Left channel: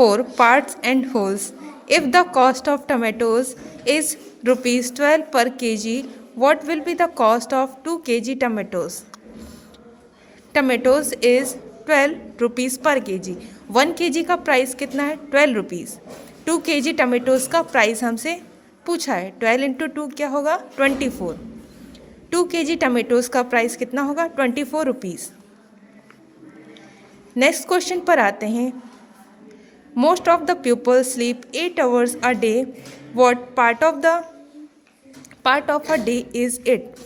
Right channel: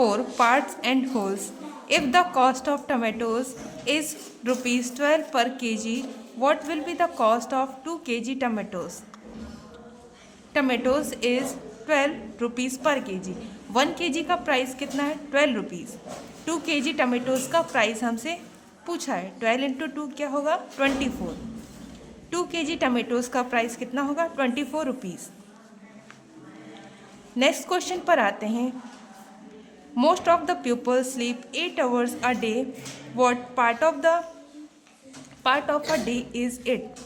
4 parts and wholes. If the cost of tomatoes is rupees 12 per kg, what will be the cost of 2 kg tomatoes? Tomatoes is 12 rupees per kg. 1 kg का price कितना है? 12 rupees. 2 kg tomatoes का price हमसे पूछा है. 12 into 2 क्या होगा? 24. 2 kg tomatoes का प्राइस कितना होगा? 24 रुपीज़. नेक्स्ट क्वेश्चन पर आते हैं. Most of the people sleep 8 hours a day. What part of a day is it?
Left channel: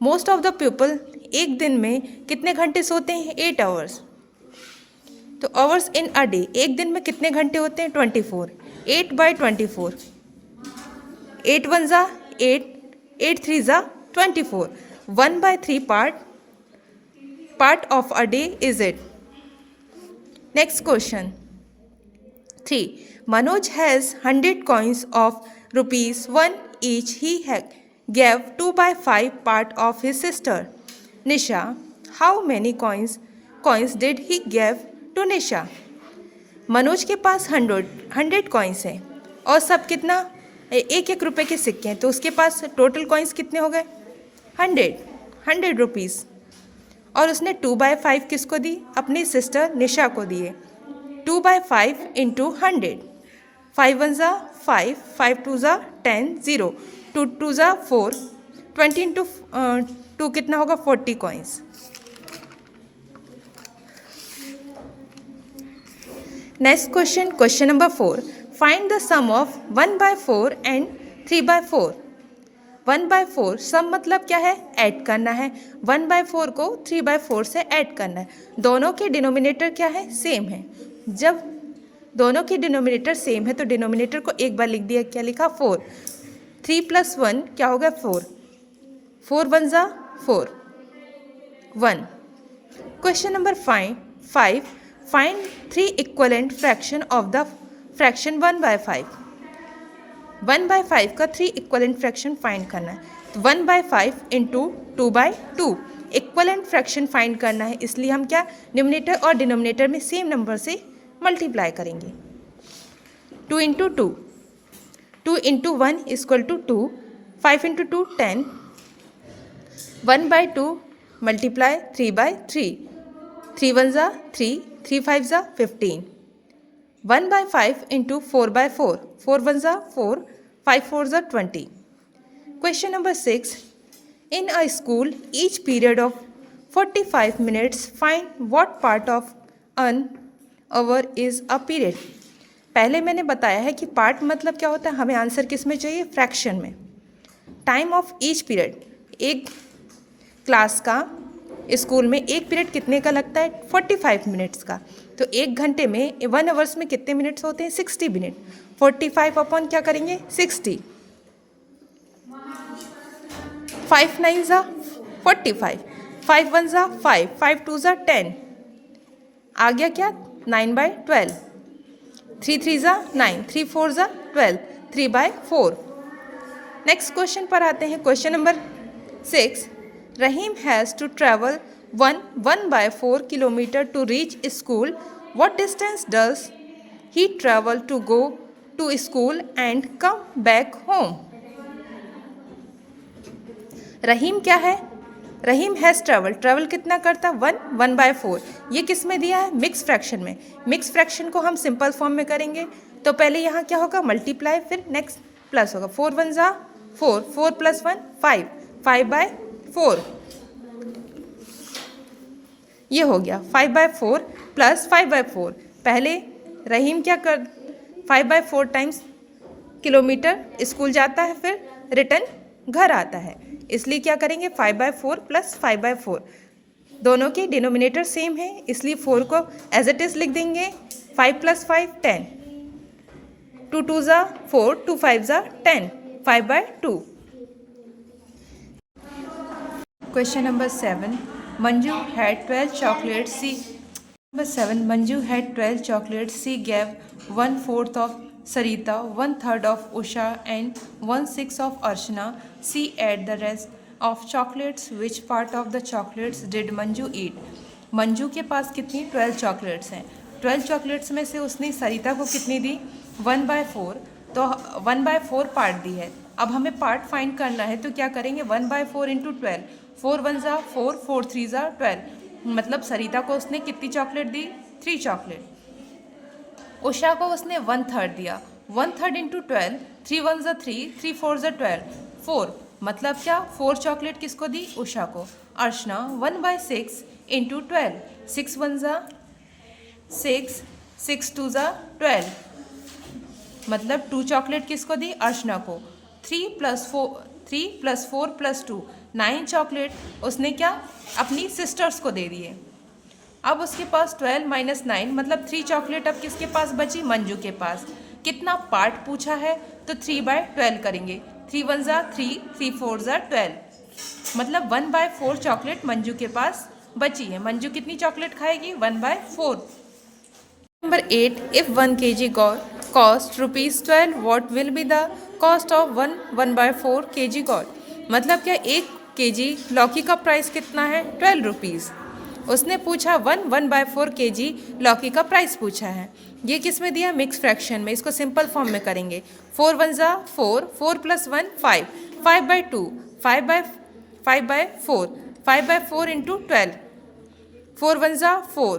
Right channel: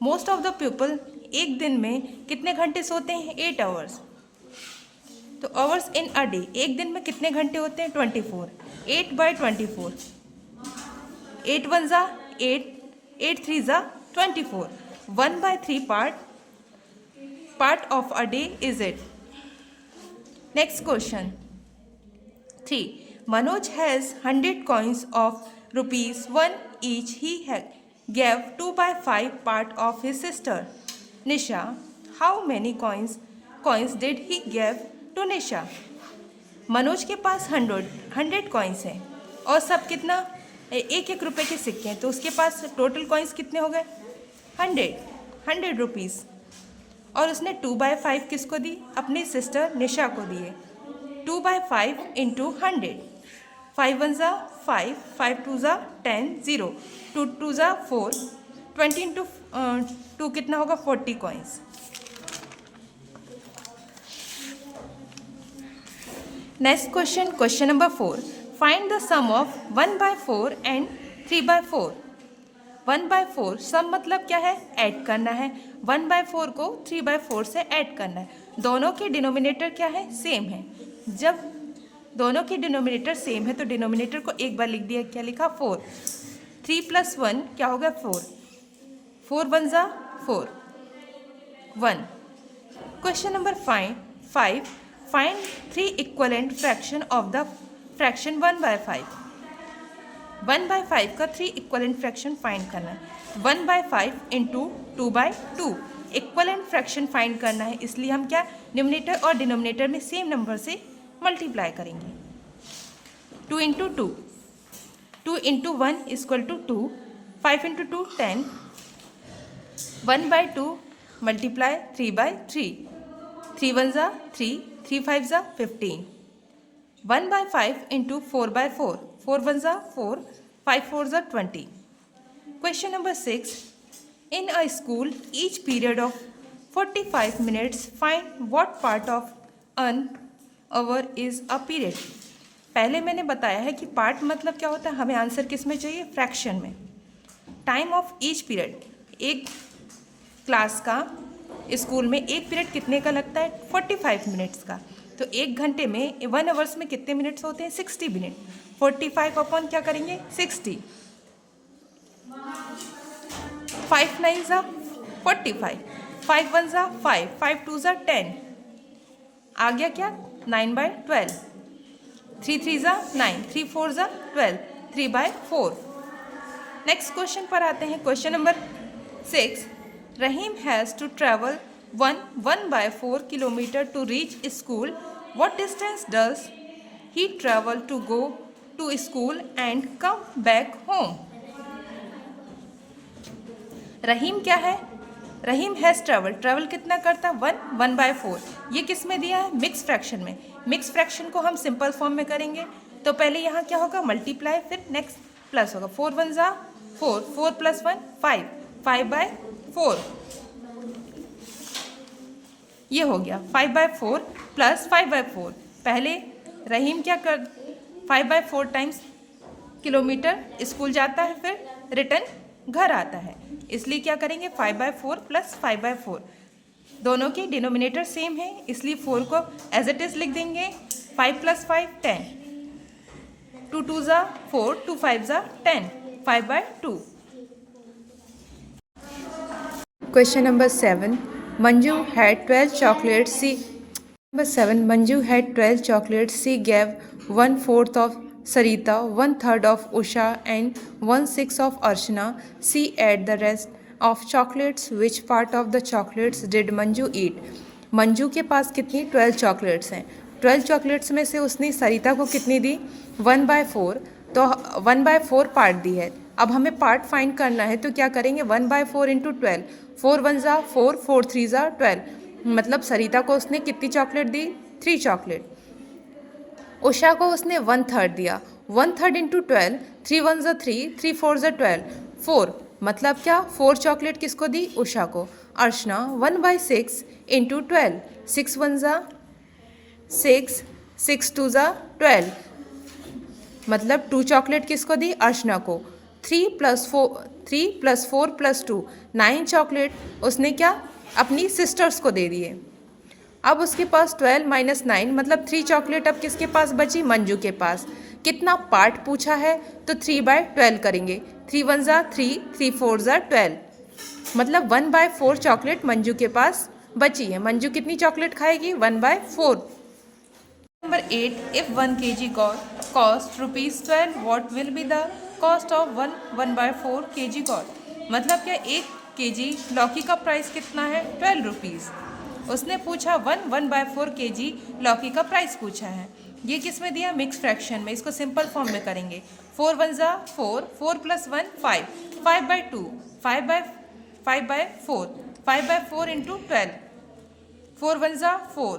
Most of the people एक दिन में कितने घंटे सोते हैं? 8 hours. तो आवर्स इन अ डे, एक दिन में कितने घंटे होते हैं? 24. 8/24. 8 1 ज़ा 8, 8 3 ज़ा 24. 1/3 part of a day is it? Next question. 3. Manoj has 100 coins of rupees 1 each. He gave 2/5 part of his sister Nisha. How many coins did he give to Nisha? Manoj के पास 100 कॉइन्स हैं और सब कितना? 1 रुपये के सिक्के हैं. तो उसके पास टोटल कॉइन्स कितने हो गए? 100 रुपीज़. और उसने 2/5 किसको दी? अपनी सिस्टर निशा को दिए. 2/5 इंटू 100. 5 1 ज़ा 5, 5 2 ज़ा 10, 0, 2 2 ज़ा 4, 20 इंटू 2 कितना होगा? 40 coins. Next question, question number 4. Find the sum of 1/4 and 3/4. 1/4 sum मतलब क्या है? ऐड करना है. 1/4 को 3/4 से ऐड करना है. दोनों के डिनोमिनेटर क्या है? सेम है. जब दोनों के डिनोमिनेटर सेम है तो डिनोमिनेटर को एक बार लिख दिया. क्या लिखा? 4. 3 + 1 क्या होगा? 4. 4 1 ज़ा 4, 1. Question number 5. Find 3 equivalent fraction of the fraction 1/5. 1/5 का 3 इक्वलेंट फ्रैक्शन फाइंड करना है. 1/5 इंटू 2/2 इक्वलेंट फ्रैक्शन फाइंड करना है. इसलिए हम क्या? न्यूमरेटर और डिनोमिनेटर में सेम नंबर से मल्टीप्लाई करेंगे. 2 into 2, 2 into 1 equal to 2, 5 into 2 10, 1/2 multiply 3/3, 3 1 ज़ा 3, 3 5 ज़ा 15. 1/5 इंटू 4/4, 4 1 ज़ा 4, 5 4 ज़ा 20. Question number 6. In a school each period of 45 minutes. Find what part of an hour is a period. पहले मैंने बताया है कि पार्ट मतलब क्या होता है. हमें आंसर किस में चाहिए? फ्रैक्शन में. टाइम ऑफ ईच पीरियड, एक क्लास का स्कूल में एक पीरियड कितने का लगता है? 45 मिनट्स का. तो एक घंटे में 1 आवर्स में कितने मिनट्स होते हैं? 60 मिनट. 45 अपॉन क्या करेंगे? 60. 5 9 ज़ा 45, 5 1 ज़ा 5, 5 2 ज़ा 10. आ गया क्या? 9/12. 3 3 ज़ा 9, 3 4 ज़ा 12, 3/4. नेक्स्ट क्वेश्चन पर आते हैं. Question number 6. Rahim has to travel 1/4 kilometer to reach school. What distance does he travel to go to school and come back home? रहीम क्या है? रहीम हैज़ ट्रैवल कितना करता? 1/4. ये किस में दिया है? मिक्स फ्रैक्शन में. मिक्स फ्रैक्शन को हम सिंपल फॉर्म में करेंगे तो पहले यहाँ क्या होगा? मल्टीप्लाई, फिर नेक्स्ट प्लस होगा. 4 1 ज़ा 4, 4 + 1 5, 5/4. ये हो गया 5/4 प्लस 5/4. पहले रहीम क्या कर 5/4 टाइम्स किलोमीटर स्कूल जाता है, फिर रिटर्न घर आता है. इसलिए क्या करेंगे? 5/4 प्लस 5/4. दोनों के डिनोमिनेटर सेम है इसलिए 4 को एज इट इज़ लिख देंगे. 5 + 5 10, 2 2 ज़ा 4, 2 5 ज़ा 10, 5/2. Question number 7. Manju had 12 chocolates. Number 7. Manju had 12 chocolates. She gave 1/4 of Sarita, 1/3 of Usha, and 1/6 of Archana. She ate the rest of chocolates. Which part of the chocolates did Manju eat? Manju के पास कितनी 12 chocolates हैं. 12 chocolates में से उसने सरिता को कितनी दी? 1/4। तो 1/4 part दी है। अब हमें पार्ट फाइंड करना है, तो क्या करेंगे? 1/4 इंटू 12, 4 1 ज़ा 4, 4 3 ज़ा 12। मतलब सरिता को उसने कितनी चॉकलेट दी? 3 चॉकलेट। उषा को उसने 1/3 दिया। 1/3 इंटू 12, 3 1 ज़ा 3, 3 4 ज़ा 12, 4। मतलब क्या? 4 चॉकलेट किसको दी? उषा को। अर्चना 1/6 इंटू 12, 6 1 ज़ा 6, 6 2 ज़ा 12। मतलब 2 चॉकलेट किसको दी? अर्चना को। 3 + 4 + 2, 9 चॉकलेट उसने क्या? अपनी सिस्टर्स को दे दिए। अब उसके पास 12 - 9 मतलब 3 चॉकलेट अब किसके पास बची? मंजू के पास। कितना पार्ट पूछा है? तो 3/12 करेंगे। 3 1 ज़ा 3, 3 4 ज़ा 12। मतलब 1/4 चॉकलेट मंजू के पास बची है। मंजू कितनी चॉकलेट खाएगी? 1/4। Number 8. If 1 kg cost ₹12, what will be the cost of 1/4 kg gold? मतलब क्या 1 kg लौकी का प्राइस कितना है? 12 रुपीज़। उसने पूछा 1/4 kg लौकी का प्राइस पूछा है। ये किस में दिया? मिक्स फ्रैक्शन में। इसको सिंपल फॉर्म में करेंगे। 4 1 ज़ा 4, 4 + 1 5, 5/2, 5/4, 5/4 इंटू 12, 4 1 ज़ा 4,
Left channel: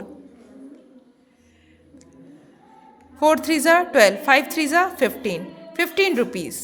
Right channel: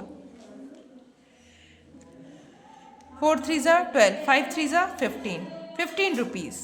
4 3 ज़ा 12, 5 3 ज़ा 15, 15 रुपीज़।